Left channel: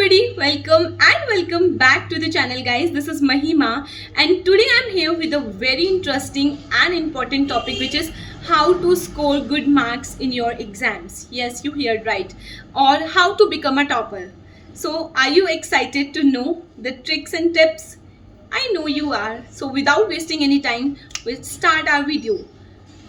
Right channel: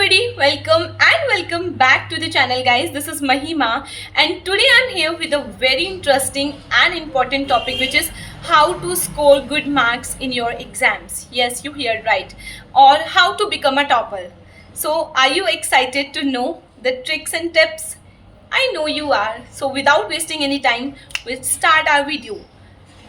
everybody, welcome back to the channel guys. This is Mahima and today I'm here with a very interesting and important topic, which is how to score good marks in your exams. Yes, you heard right. Or how to become a topper. So are you excited to know the tricks and tips? I know you are. So without wasting any time, we'll start our video.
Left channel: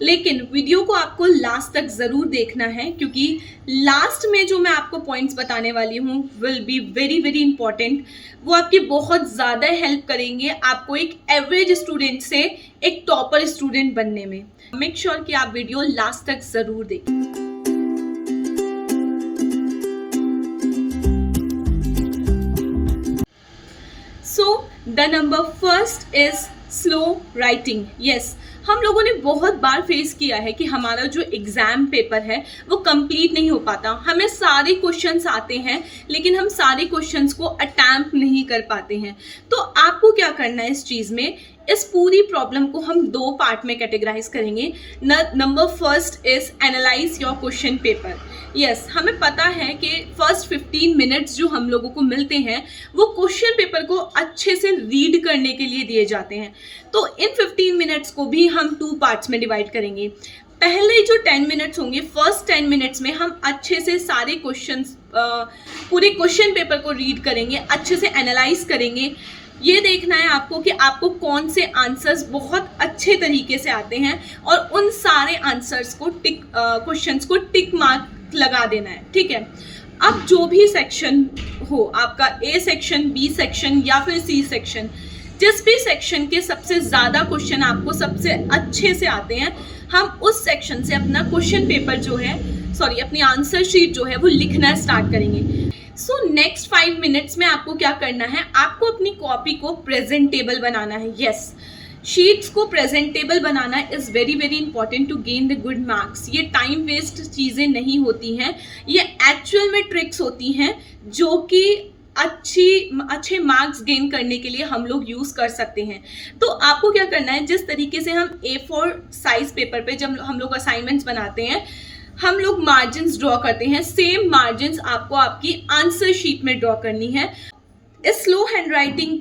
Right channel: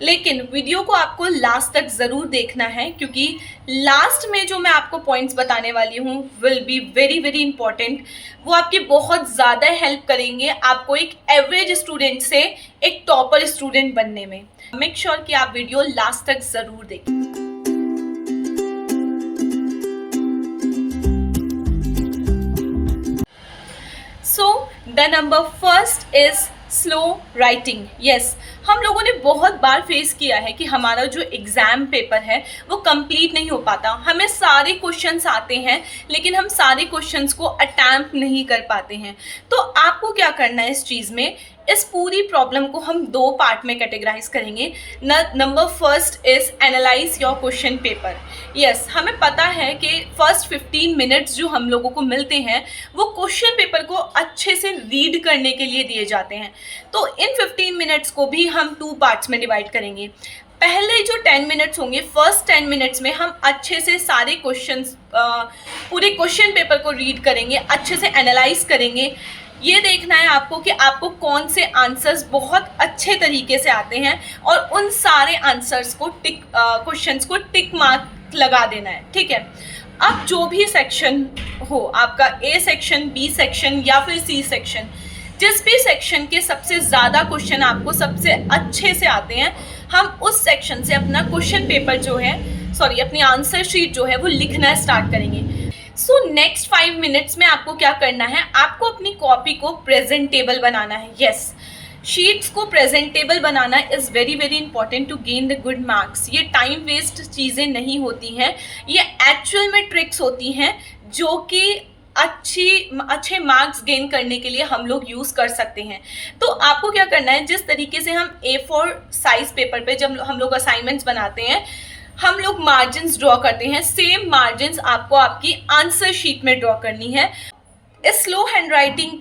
लेकिन video को आपको last तक ज़रूर देखना है, क्योंकि last में जो मैं आपको पॉइंट्स बताने वाली हूँ will be very very important. वो आपकी बहुत ज़्यादा हेल्प करेंगे आपको एक एवरेज स्टूडेंट से एक टॉपर स्टूडेंट बनने में. मेक श्योर कि आप वीडियो लास्ट तक ज़रूर देखें. So the number first is slow writing. Yes, हम लोगों ने बहुत बार फेस किया है कि हमारा जो एग्ज़ाम पेपर है वो कंप्लीट नहीं हो पाता. हमें सारे क्वेश्चंस आते हैं लेकिन हम सारे क्वेश्चंस को अटैम्प्ट नहीं कर पाते हैं. तो आपको क्या करना है इस चीज़ में, इस पूरी प्रॉब्लम को हम दो पार्ट में कैटेगराइज करेंगे. Number first is analyse your question paper. Yes, हमें पता है कि फर्स्ट 15 मिनट्स जो हम लोगों को मिलते हैं वो क्वेश्चन पेपर को अच्छे से रीड करने के लिए दिए जाते हैं. तो इन 15 मिनट्स को भी हम टू पार्ट्स में डिवाइड करेंगे. पहले जो 10 मिनट्स होंगे, फर्स्ट 10 मिनट्स में हम अच्छे से सारे क्वेश्चंस पूरे क्वेश्चन पेपर को रीड करेंगे, अच्छे से एनालाइज करेंगे. ये देखना है आपको कि आपको कौन से आंसर्स बहुत अच्छे तरीके से आते हैं और उन सारे आंसर्स को क्वेश्चंस को टिक मार्क लगा देना है. ठीक है. अब जो भी सेक्शन हो, आपका ए सेक्शन, बी सेक्शन या फिर सी सेक्शन, जिस भी सेक्शन के सबसे ज़्यादा क्वेश्चन आपको सबसे अच्छे से आते हैं, हम उस सेक्शन से अपना क्वेश्चन पेपर जो है, अपनी आंसर शीट जो है वो लिखना स्टार्ट करेंगे. सो नेक्स्ट 5 मिनट्स में आपको क्या करना है, आपको अपनी कॉपी को प्रेजेंटेबल बनाना है. यस, शीट्स को प्रेजेंटेबल बनाना is very very important to gain the good marks. ये टाइम वेस्ट चीज़ें नहीं होती हैं, ये एक्चुअल में ट्रिक्स होती हैं जो कि अच्छे मार्क्स गेन करने के लिए हम लोग यूज़ कर सकते हैं. तो आपको क्या करना है, जिस तरीके से हम A4 साइज पेपर पे जब हम लोग असाइनमेंट्स बनाते हैं, हम लोग मार्जिन्स ड्रॉ करते हैं, सेम मार्जिन्स आपको आपकी आंसर शीट में ड्रॉ करनी है. इस स्लो हैंड राइटिंग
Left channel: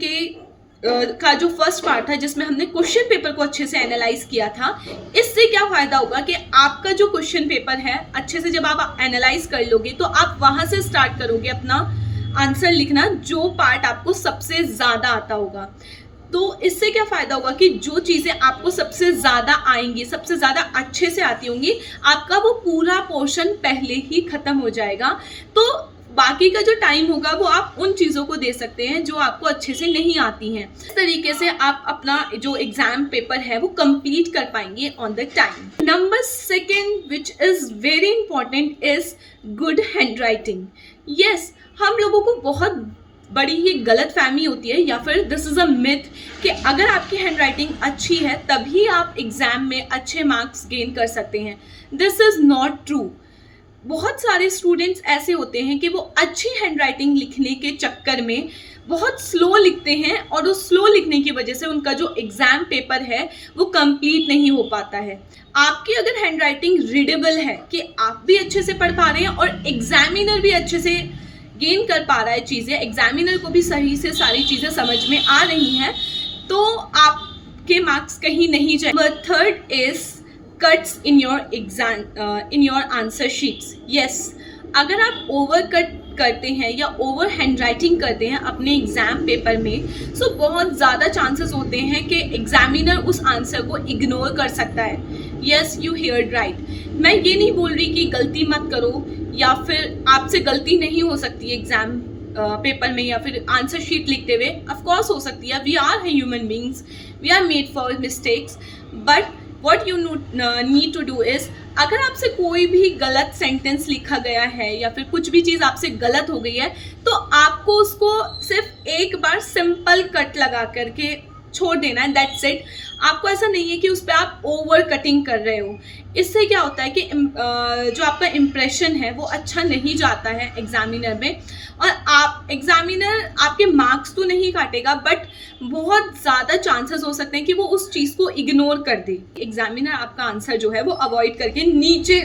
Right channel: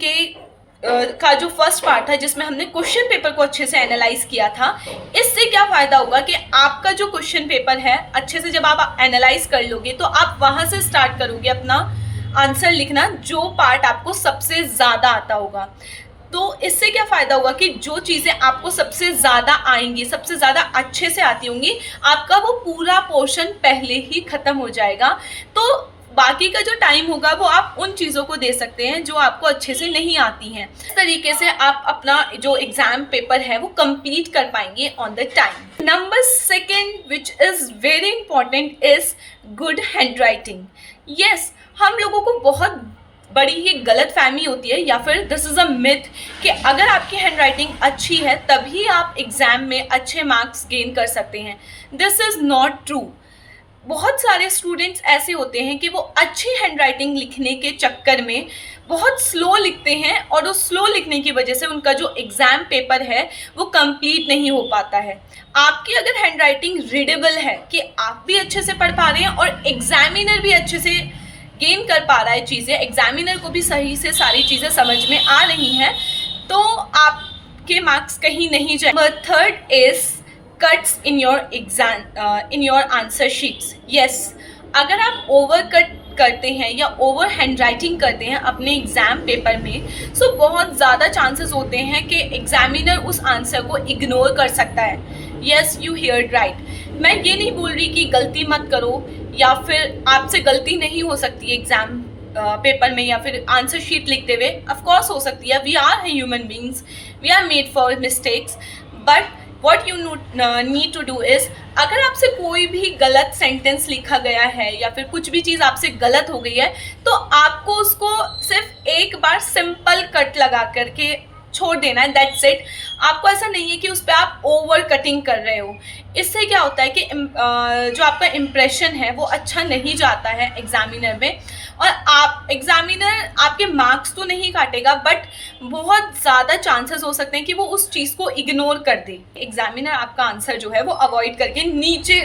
का जो फर्स्ट पार्ट था, जिसमें हमने क्वेश्चन पेपर को अच्छे से एनालाइज किया था, इससे क्या फ़ायदा होगा कि आपका जो क्वेश्चन पेपर है अच्छे से जब आप एनालाइज कर लोगे तो आप वहाँ से स्टार्ट करोगे अपना आंसर लिखना, जो पार्ट आपको सबसे ज़्यादा आता होगा. तो इससे क्या फ़ायदा होगा कि जो चीज़ें आपको सबसे ज़्यादा आएंगी, सबसे ज़्यादा अच्छे से आती होंगी, आपका वो पूरा पोर्शन पहले ही ख़त्म हो जाएगा. तो बाकी का जो टाइम होगा वो आप उन चीज़ों को दे सकते हैं जो आपको अच्छे से नहीं आती हैं. इस तरीके से आप अपना जो एग्ज़ाम पेपर है वो कंप्लीट कर पाएंगे on the time. Number second which is very important is good hand writing. Yes, हम लोगों को बहुत बड़ी ही गलत फहमी होती है, या फिर दिस इज़ अ मिथ, कि अगर आपकी हैंड राइटिंग अच्छी है तभी आप एग्ज़ाम में अच्छे मार्क्स गेन कर सकते हैं. This is not true. बहुत सारे स्टूडेंट्स ऐसे होते हैं कि वो अच्छी हैंड राइटिंग लिखने के चक्कर में बहुत स्लो लिखते हैं और उस स्लो लिखने की वजह से उनका जो एग्ज़ाम पेपर है वो कंप्लीट नहीं हो पाता है. आपकी अगर हैंड राइटिंग रीडेबल है कि आप भी अच्छे से पढ़ पा रहे हैं और एग्जामिनर भी अच्छे से गेन कर पा रहा है चीज़ें, एग्जामिनर को भी सही से सारी चीज़ें समझ में आ रही हैं, तो आपके मार्क्स कहीं नहीं जाए. Number third is cuts in your exam in your answer sheets. Yes, अगर आप ओवर कट करते हैं या ओवर हैंड राइटिंग करते हैं अपने एग्ज़ाम पेपर में, सो बहुत ज़्यादा चांसेस होते हैं कि एग्जामिनर उस आंसर को इग्नोर कर सकता है. Yes, you heard right. मैं ये नहीं बोल रही कि गलती मत करो या फिर आपसे गलती नहीं हो सकती एग्ज़ाम पेपर में या फिर आंसर शीट लिखते हुए. ऑफ कोर्स हो सकती है, we are human beings, we are made for mistakes. But what you need to do is, अगर आपसे कोई भी गलत सेंटेंस लिखा गया है या फिर कुछ भी चीज़ आपसे गलत हो गई है, तो आपको उसको सिर्फ एक बार सिंपल कट लगा करके छोड़ देना है. That's it. आपको ऐसा नहीं है कि उस पर आप ओवर कटिंग कर रहे हो. इससे क्या होता है कि जो आपका इम्प्रेशन है वो अच्छा नहीं जाता है एग्जामिनर में, और आप एग्जामिनर आपके मार्क्स तो नहीं काटेगा, बट बहुत ज़्यादा चांसेस हो सकते हैं कि वो उस चीज़ को इग्नोर कर दे. एग्जामिनर आपका आंसर जो है वो अवॉइड करके नीचे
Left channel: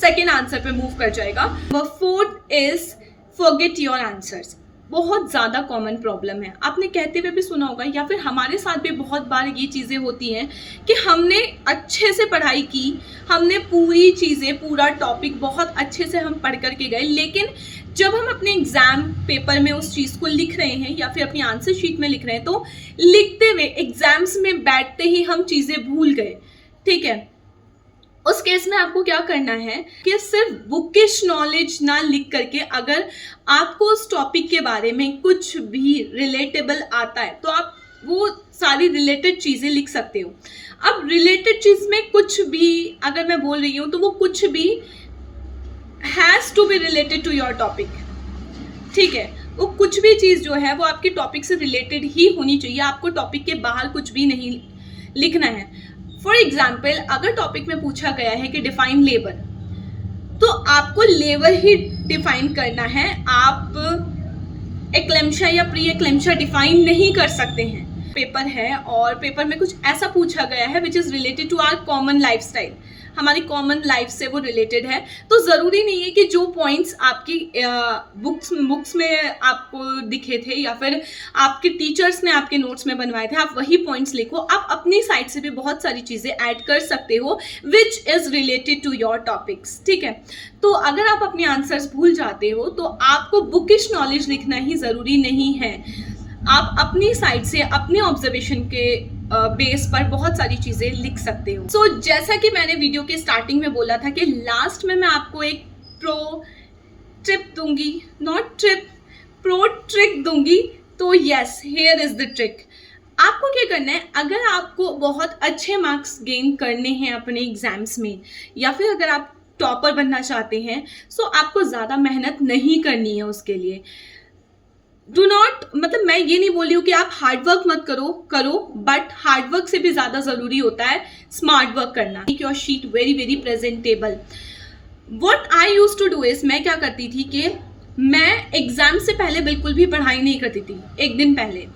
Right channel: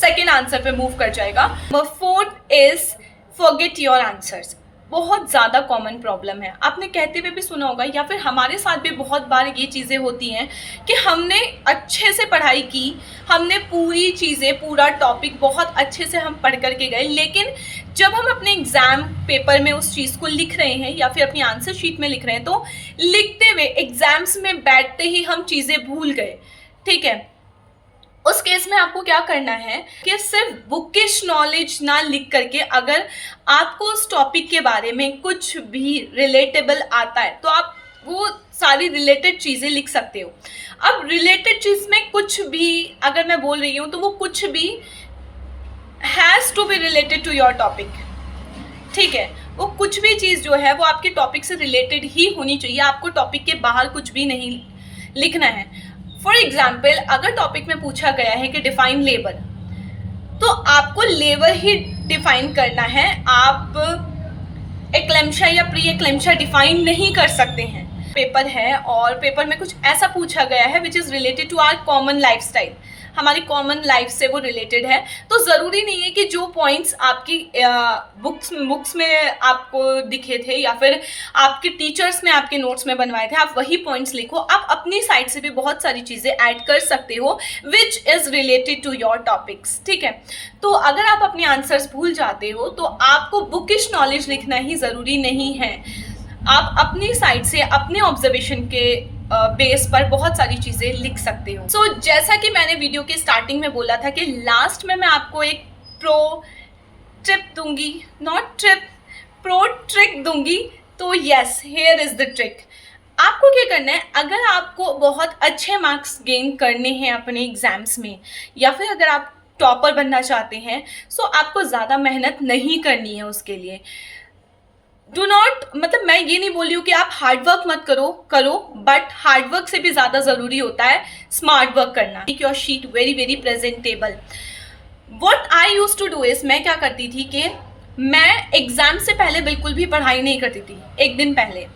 सेकेंड आंसर पे मूव कर जाएगा. Number fourth is forget your answers. बहुत ज़्यादा कॉमन प्रॉब्लम है, आपने कहते हुए भी सुना होगा या फिर हमारे साथ भी बहुत बार ये चीज़ें होती हैं कि हमने अच्छे से पढ़ाई की, हमने पूरी चीज़ें, पूरा टॉपिक बहुत अच्छे से हम पढ़ करके गए, लेकिन जब हम अपने एग्ज़ाम पेपर में उस चीज़ को लिख रहे हैं या फिर अपनी आंसर शीट में लिख रहे हैं, तो लिखते हुए एग्ज़ाम्स में बैठते ही हम चीज़ें भूल गए। ठीक है, उस केस में आपको क्या करना है कि सिर्फ बुकिश नॉलेज ना लिख करके, अगर आपको उस टॉपिक के बारे में कुछ भी रिलेटेबल आता है तो आप वो सारी रिलेटेड चीज़ें लिख सकते हो। अब रिलेटेड चीज़ में कुछ भी अगर मैं बोल रही हूँ तो वो कुछ भी has to be related to your topic. ठीक है, वो कुछ भी चीज़ जो है वो आपके टॉपिक से रिलेटेड ही होनी चाहिए, आपको टॉपिक के बाहर कुछ भी नहीं लिखना है। फॉर एग्जाम्पल, अगर टॉपिक में पूछा गया है कि डिफाइन लेबर, तो आपको लेबर ही डिफाइन करना है, आप एक्लेम्पशा या प्री एक्लेम्पशा डिफाइन नहीं कर सकते हैं। पेपर है और पेपर में कुछ ऐसा पूछा गया है which is related to our common lifestyle, हमारी कॉमन लाइफ से वो रिलेटेड है, तो ज़रूरी नहीं है कि जो पॉइंट्स आपकी बुक्स में आपको दिखे थे या फिर आपके टीचर्स ने आपके नोट्स में बनवाए थे आप वही पॉइंट्स लिखो। आप अपनी साइड से भी बहुत सारी चीज़ें ऐड कर सकते हो which is related to your topics. ठीक है, तो अगर आप अपने आंसर्स भूल जाते हो तो आपको बुकिश नॉलेज लिखना ही ज़रूरी नहीं है, आप अपनी साइड से अपने ऑब्जर्वेशन के बेस पर बहुत सारी चीज़ें लिख सकते हो। सो जैसा कि मैंने वीडियो के स्टार्टिंग में बोला था कि लास्ट में मैं आपको एक प्रो ट्रिप दूंगी, नॉट ट्रिप, प्रो ट्रिक दूंगी। तो yes, here is the trick. आपको क्या करना है, अगर आपको बहुत अच्छे मार्क्स गेन करने हैं अपने एग्जाम्स में या फिर अगर आप टॉपर बनना चाहते हैं, सो आपको ज़्यादा मेहनत नहीं करनी है उसके लिए। डू नॉट, मतलब मैं ये नहीं बोल रही हूँ कि आप हार्डवर्क मत करो, बट हार्डवर्क से भी ज़्यादा ज़रूरी होता है स्मार्ट वर्क करना। Make your sheet very very presentable. What I use to do is, मैं क्या करती थी कि मैं एग्ज़ाम से पहले बिल्कुल भी पढ़ाई नहीं करती थी। एक दिन पहले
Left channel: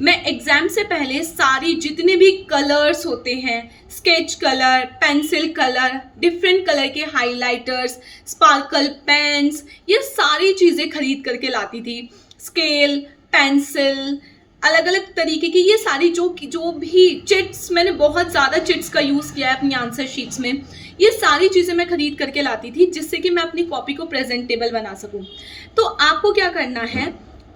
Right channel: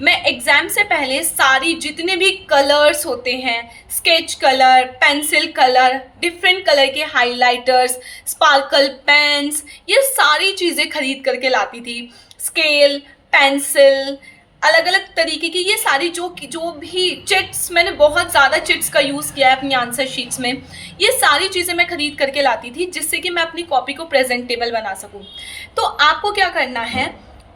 मैं एग्ज़ाम से पहले सारी जितने भी कलर्स होते हैं, sketch colour, pencil colour, different colour के हाइलाइटर्स, स्पार्कल पेन्स, ये सारी चीज़ें खरीद करके लाती थी। स्केल, पेंसिल, अलग अलग तरीके की ये सारी जो भी चिट्स, मैंने बहुत ज़्यादा चिट्स का यूज़ किया है अपनी आंसर शीट्स में, ये सारी चीज़ें मैं खरीद करके लाती थी जिससे कि मैं अपनी कॉपी को प्रेजेंटेबल बना सकूं। तो आपको क्या करना है,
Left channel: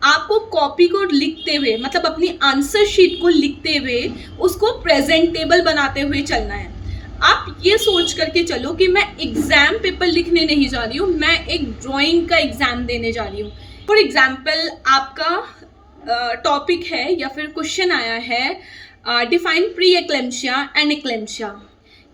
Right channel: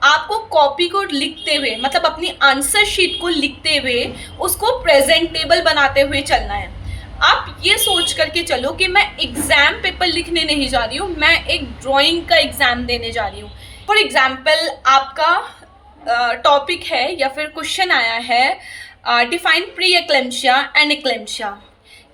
आपको कॉपी को लिखते हुए, मतलब अपनी आंसर शीट को लिखते हुए उसको प्रेजेंटेबल बनाते हुए चलना है। आप ये सोच करके चलो कि मैं एग्ज़ाम पेपर लिखने नहीं जा रही हूँ, मैं एक ड्राइंग का एग्ज़ाम देने जा रही हूँ। फॉर एग्जाम्पल, आपका टॉपिक है या फिर क्वेश्चन आया है define pre eclampsia and eclampsia,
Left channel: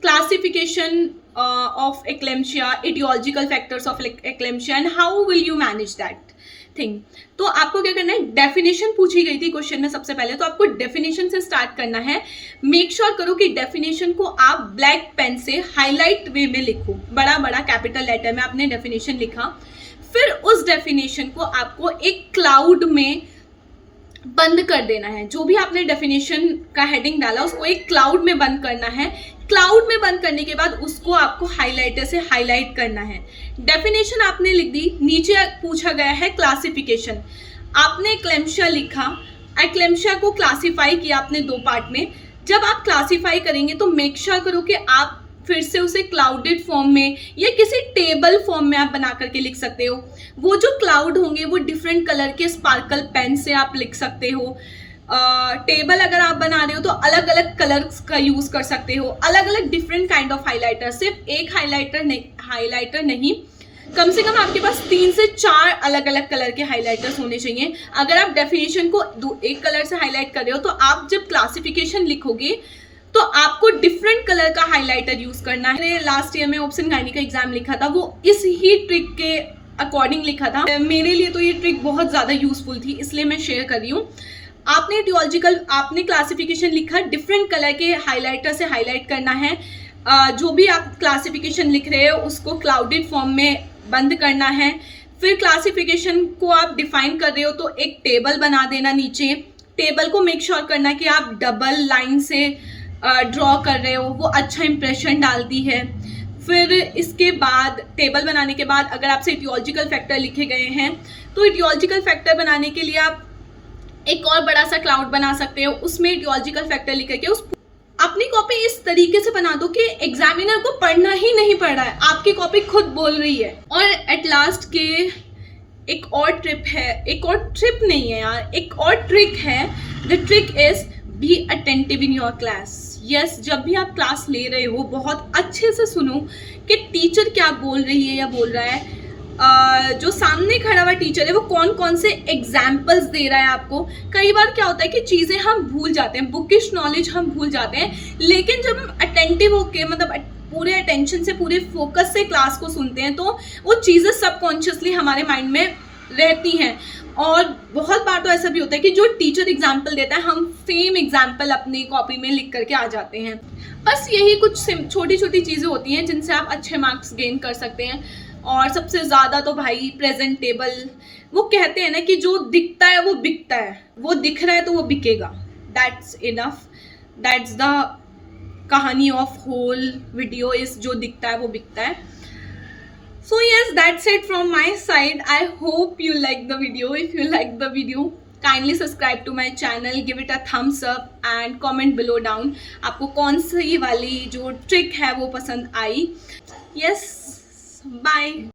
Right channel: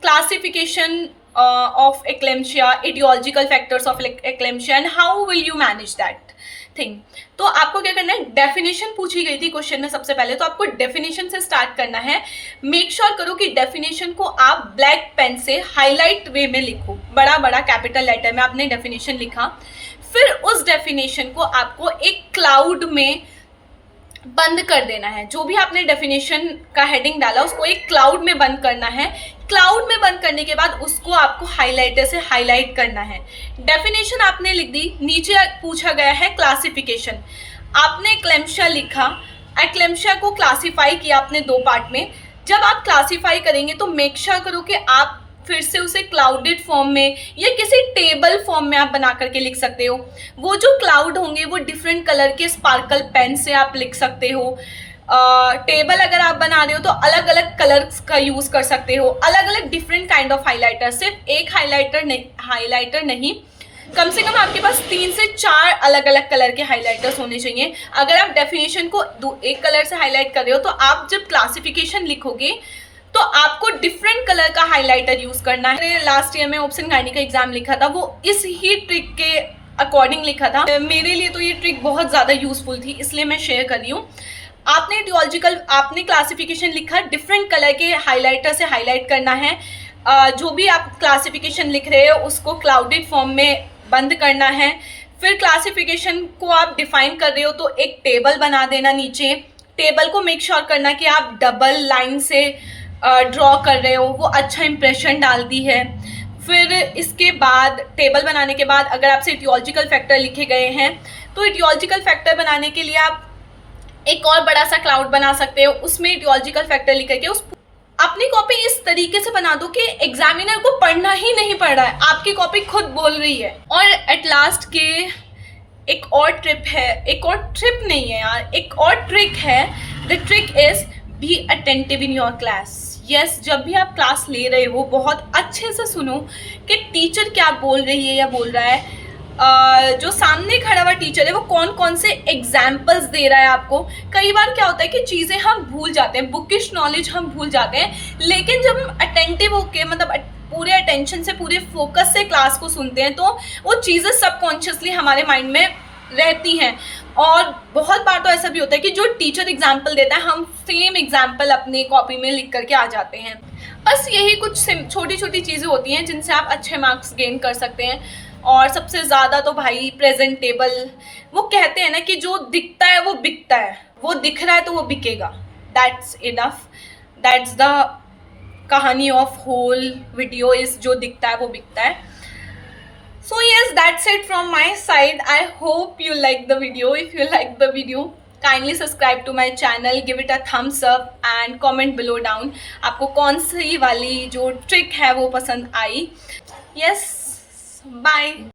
classification of eclampsia, aetiological factors of eclampsia and how will you manage that thing. तो आपको क्या करना है, डेफिनेशन पूछी गई थी क्वेश्चन में सबसे पहले, तो आपको डेफिनेशन से स्टार्ट करना है। मेक श्योर करो कि डेफिनेशन को आप ब्लैक पेन से हाईलाइट वे में लिखो, बड़ा बड़ा कैपिटल लेटर में आपने डेफिनेशन लिखा। फिर उस डेफिनेशन को आपको एक क्लाउड में बंद कर देना है। जो भी आपने डेफिनेशन का हेडिंग डाला उसको एक क्लाउड में बंद करना है। क्लाउड में बंद करने के बाद उसको आपको हाइलाइटर से हाईलाइट करना है। डेफिनेशन आपने लिख दी, नीचे पूछा गया है क्लासिफिकेशन, आपने एक्लेम्पशिया लिखा, एक्लेम्पशिया को क्लासीफाई किया आपने दो पार्ट में। जब आप क्लासीफाई करेंगे तो मेक श्योर करो कि आप फिर से उसे क्लाउडेड फॉर्म में या किसी टेबल फॉर्म में आप बना करके लिख सकते हो। वो जो क्लाउड होंगे वो डिफरेंट कलर के स्पार्कल पेन से आप लिख सकते हो। टेबल अगर आप बना रहे हो तो अलग अलग कलर्स का यूज़ कर सकते हो, अलग अलग डिफरेंट काइंड ऑफ हाइलाइटर, सिर्फ एक हाइलाइटर नहीं, कम से कम आपके पास 3 से 4 अलग अलग कलर के हाइलाइटर्स होने चाहिए। अगर आप डेफिनेशन को एक कलर से हाईलाइट कर रहे हो तो आप जब क्लासिफिकेशन लिखोगे तो आपको डिफरेंट कलर का हाइलाइटर यूज करना है। लास्ट ईयर में ऑप्शन गायनी का एग्जाम लिखा था, वो इस ही ट्रिक के अकॉर्डिंग लिखा था। मेरे लिए तो ये ट्रिक बहुत ज़्यादा यूजफुल थी, इसलिए मैं शेयर कर रही हूँ। आपने टियोलॉजिकल, आपने क्लासिफिकेशन लिखा, डिफरेंट कलर के हाइलाइटर से हाईलाइट करना है। जो भी आप क्लासिफिकेशन लिख रहे हो उसको क्लाउडेड फॉर्म में बंद करना है। फिर क्लासिफिकेशन को आप डिफाइन कर रहे हो तो एक टेबल बना देना नीचे। टेबल को मेक श्योर करना कि आप डबल लाइन से ड्रॉ कर रहे हो, वो अच्छा इंप्रेशन डालती है। फिर इसके बाद टेबल बनाने के बाद अगर आपसे इटियोलॉजिकल फैक्टर लिखे गए हैं तो इटियोलॉजिकल फैक्टर बनाने के लिए आप एक और बड़ा सा क्लाउड बना सकते हो, उसमें इटियोलॉजिकल फैक्टर लिख करके उस अपनी कॉपी इस तरीके से बना दो कि एग्जामिनर को पढ़ना ही नहीं पड़ रहा है, आपकी कॉपी खुद बोल रही है। और एट लास्ट के एक और ट्रिप है, एक और ट्रिप नहीं है यार, एक और ट्रिक है। The trick is be attentive in your class. Yes, जब भी आप क्लास ले रहे हो बहुत अच्छे से सुनो कि टीचर क्या बोल रही है या बोल रहा है। जो सामने खड़ा हुआ टीचर है वो कौन कौन से एग्जाम्पल्स दे रहा है आपको। कई बार क्या होता है कि चीज़ें हम भूल जाते हैं, बुकिश नॉलेज हम भूल जाते हैं, लेकिन जब हम अटेंटिव होके मतलब पूरे अटेंशन से पूरे फोकस से क्लास को सुनते हैं तो वो चीज़ें सबकॉन्शियसली हमारे माइंड में रहती हैं। और बहुत बार तो ऐसा भी होता है कि जो टीचर एग्जाम्पल देता है हम सेम एग्जाम्पल अपने कॉपी में लिख करके आ जाते हैं। बस यही कुछ छोटी छोटी चीज़ें होती हैं जिनसे आप अच्छे मार्क्स गेन कर सकते हैं। और सबसे ज़्यादा तो भाई प्रेजेंटेबल, वो कहते हैं ना कि जो दिखता है वो बिकता है, वो दिख रहा है तो वो बिकेगा। दैट्स इनफ, दैट्स द कहानी ऑफ होल वीडियो इज जो दिखता है वो बिकता है। So yes, that's it from my side. I hope you like the video. If you like the video, kindly subscribe to my channel, give it a thumbs up and comment below down. आपको कौन सी वाली जो trick है वो पसंद आई। Yes, bye.